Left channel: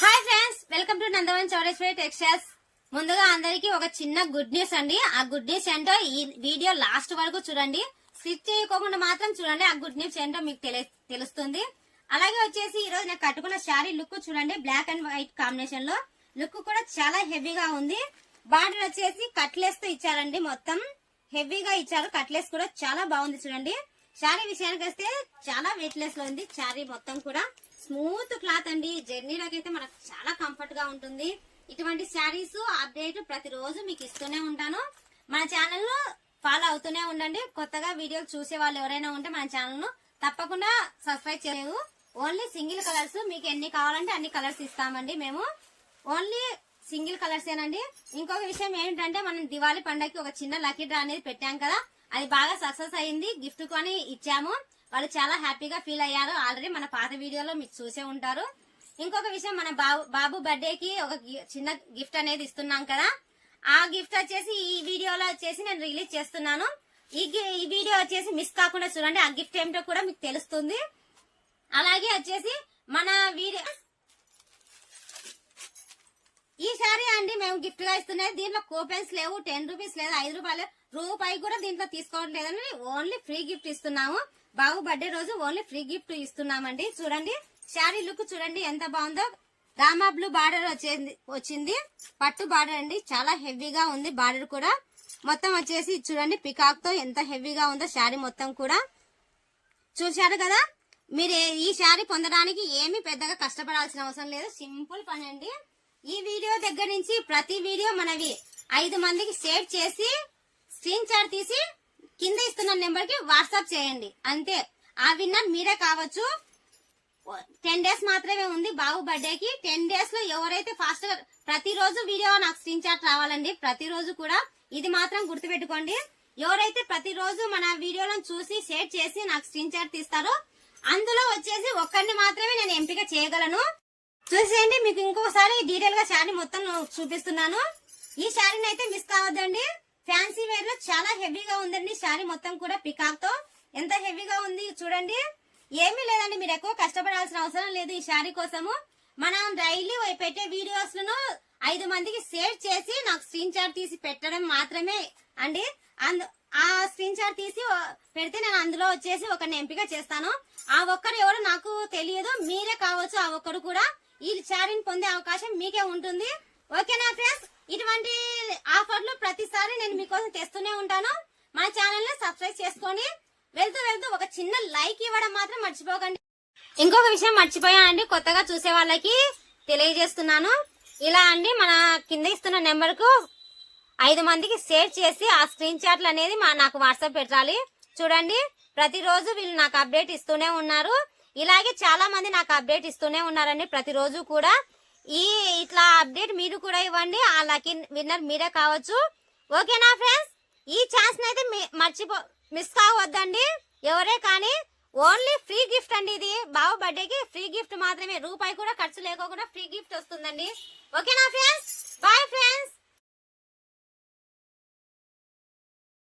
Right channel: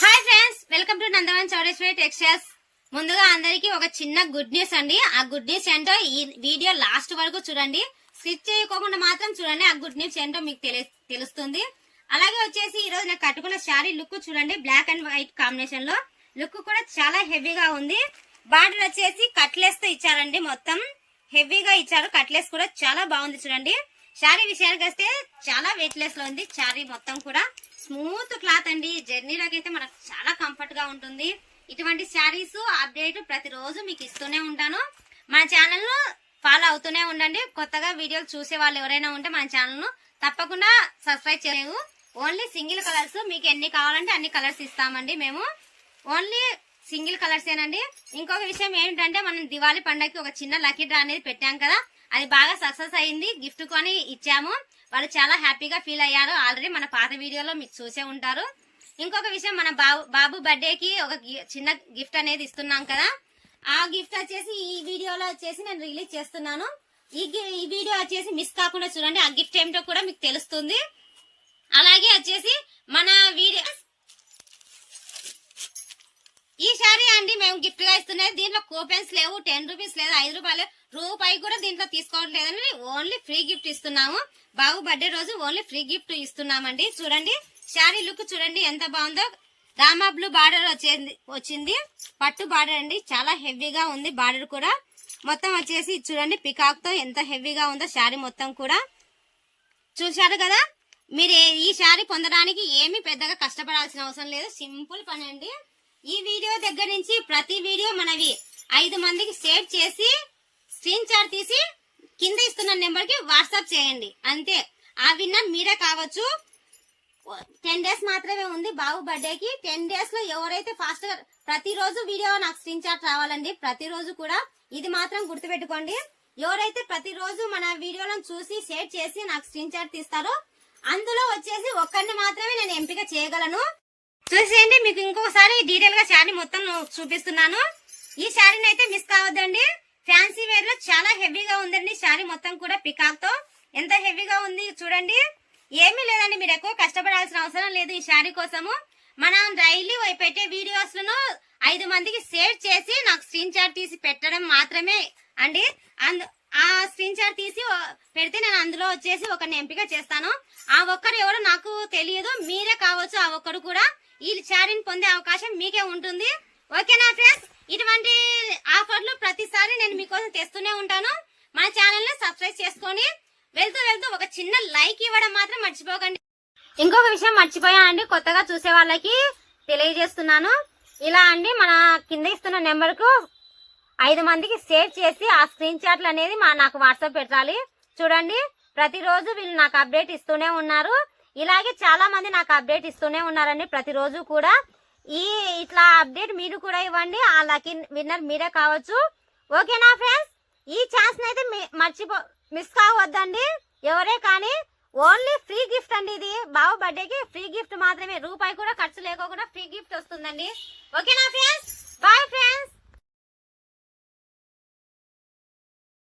Hi friends, welcome to Nandavan Chowdeshwari textiles. ముందుగా అందరికి ఒక చిన్న గుడ్ న్యూస్ అండి. ఆ గుడ్ న్యూస్ ఏంటో ఈ వీడియో లాస్ట్ వరకు చూడండి. స్కిప్ చేయకోకుండా మాత్రం చూడండి. ఆ గుడ్ న్యూస్ ఏంటో మీకు తెలుస్తుంది. అలాగే వచ్చేసి ఈ రోజు నేను కట్టుకున్న శారీ లుక్ చూడండి. బ్లాక్ అండ్ వైట్ కాంబినేషన్ లో లుక్ కూడా చాలా హెవీగా ఉంది. బార్డర్ వచ్చేసి కట్లెస్ తో ఇచ్చారండి. మొత్తం హెవీగా ఇచ్చారు. కట్లెస్ కూడా చాలా బాగుంది చూడండి. శారీ విషయానికి వస్తే చాలా వెయిట్ లెస్ లో ఉంది. శారీ మొత్తం కూడా స్మూత్ క్లాత్ అండి. జర్నీలోకి అయితే మనకు చాలా కంఫర్ట్ గా ఉంటుంది. ఇటువంటి శారీస్ అప్డేట్ ప్రతిరోజు మీకు ఇస్తూనే ఉంటాను. మన ఛానల్ ను ఫాలో అవుతూనే ఉండండి. కొత్తగా వీడియోలు చూసే వాళ్ళు ఎవరైనా ఉంటే మన ఛానల్ ను తప్పకుండా సబ్స్క్రైబ్ చేయలేదు. ఓన్లీ సింగిల్ కలర్స్, మీకు ఎన్ని కావాలంటే అన్ని కలర్స్ ఇస్తామండి. మేము ఓన్లీ సింగిల్ కలర్స్ ఏనండి. ఇంకొక విషయం ఏంటంటే, మనం దివాళీ పండగకి ఒక చిన్న లక్కీ డ్రా అనేది పెట్టాం కదా, అది బాగా సక్సెస్ అయింది. గిఫ్ట్ కొని ఇచ్చాము. వాళ్ళు చాలా హ్యాపీగా ఫీల్ అయ్యారు. ఆల్రెడీ మన పాత వీడియోలో మీకు చూసే ఉంటారు. ఇంకొక విషయం, మన బాబు బర్త్డేకి ఒక చిన్న గిఫ్ట్ అనేది ఇస్తున్నాం కదా, ఆ గిఫ్ట్ వచ్చేసి ఈ వీడియోలో వచ్చేసి నేను రిలీజ్ చేస్తున్నాను. ఈ వీడియో వచ్చేసి మిస్ కాకుండా చూడండి. ఆ గిఫ్ట్ ఏమిటో కూడా మీకు తెలుస్తుంది. అలాగే వచ్చేసి మన వీడియో ఈ శారీ అండి మేము గిఫ్ట్ గా ఇస్తున్నది. దీంట్లో కూపెన్స్ లేవు, 10 రూపీస్ లేదు, 5 రూపాయలు, రూపాయి కూడా దీంట్లో తీసుకోవట్లేదని ఓన్లీ ఫ్రీ గిఫ్ట్ ఇస్తున్నాము. బాబు బర్త్డే రోజు ఓన్లీ ఫ్రీ గిఫ్ట్ ఇస్తున్నామండి. చూడండి శారీ లుక్ చూడండి ఎంత బాగుందో. రామా బ్లూ బార్డర్ వచ్చింది. పట్టు బార్డర్ అండి. చాలా హెవీగా ఉంది బార్డర్ కూడా. మొత్తం వచ్చేసి చూడండి పికాక్ తో ఎంత హెవీగా ఉందో శారీ మొత్తం కూడా. చూశారు కదా. మీరు ఈ శారీ పొందడానికి ఏమీ పెద్దగా కష్టపడాల్సిన అవసరం లేదు. సింపుల్ పని అండి. ఈ వీడియో దగ్గర నుంచి ప్రతి వీడియో మనవి 5 మందికి షేర్ చేసి స్క్రీన్ షాట్ తీసి కింద ఇస్తున్న నెంబర్ కి వాట్సాప్ చేయండి. అంతే. ఆ విన్నర్ మీరే కావచ్చు. 10 డేస్ మాత్రమే ఉంది బాబు బర్త్డేకి. 10 డేస్ లో ఎవరైతే ఫాస్ట్ గా ప్రతిరోజు వీడియో నాకు స్క్రీన్ షాట్ రావాలండి. ప్రతిరోజు కూడా ఇది మాత్రం గుర్తుపెట్టుకోండి. ఎవరైతే ప్రతిరోజు మన వీడియోలను చూసి షేర్ చేసి నాకు స్క్రీన్ షాట్ తీస్తారో అందులో వచ్చేసి ఒక్కరిని మాత్రమే నేను ఎంపిక చేయగలను. చూసేయండి. మీకు ఇంకొకసారి డీటెయిల్ గా శారీ మొత్తం చూపిస్తున్నాను. ఈ శారీని అయితే మిస్ కావద్దండి. ఫ్యాన్సీ వేర్ లో చాలా హెవీగా ఉందండి. శారీ మొత్తం కూడా పికాక్ తో ఎంత హెవీగా ఉంది చూడండి. ఏమీ లేదండి, మీరు ఎక్కువ కష్టపడాల్సిన అవసరం లేదు. ఈ శారీ కోసము మనం డైలీ పెట్టే వీడియోస్ లను 5 మందికి షేర్ చేసి నాకు స్క్రీన్ షాట్ తీసి పెట్టడం మాత్రమే అండి. ఆ స్క్రీన్ షాట్ తీసి పెడితే నేను అందులో వచ్చేసి ఒకరిని ఎంపిక చేస్తాను. ఆ ఒక్కరు ఎవరు నాకు తెలియదు, మీరే కావచ్చు. ఆ ఒక్కరు కూడా ఈ శారీని పొందే అవకాశం మీకే ఉంటుంది. ఓకేనా ఫ్రెండ్స్? ఇటువంటి ఆఫర్లు ప్రతిసారి నేను మీకోసం తెస్తూనే ఉంటాను. మన ఛానల్ ని సబ్స్క్రైబ్ చేసుకొని వెళ్తూ ఒక చిన్న లైక్ ఇవ్వడం మాత్రం మర్చిపోకండి. ఇంకొక విషయం మర్చిపోయానండి, కొత్తగా చూసే వాళ్ళకి తెలియజేస్తున్నాను. ఇలా అండి, మన కింద ఇస్తున్న నెంబర్ కు 5 మందికి షేర్ చేసి ఆ స్క్రీన్ షాట్లు అనేది నాకు వాట్సాప్ పెట్టాలి. చూడండి ప్రతిరోజు వీళ్ళు నాకు అప్డేట్ ఇస్తూనే ఉన్నారు. ఇలాగే చాలా మంది నాకు అప్డేట్ ఇస్తూనే ఉన్నారండి ప్రతిరోజు కూడా. ఇట్లా అప్డేట్ మీరు కూడా ఇవ్వండి. ఆ లక్కీ విన్నర్ మీరే కావచ్చు. ఓకేనా ఫ్రెండ్స్? ఈ ఛాన్స్ అయితే మిస్ కావద్దండి ఎవరే కానీ. ఓన్లీ ఫ్రీ గిఫ్ట్ అండి. ఇది బాబు బర్త్డేకి ఫ్రీ గిఫ్ట్ మాత్రమే. రూపాయి కూడా ఖర్చు లేకోకుండా ఫ్రీ గిఫ్ట్ వస్తుందండి. ఓకేనా ఫ్రెండ్స్? Bye friends.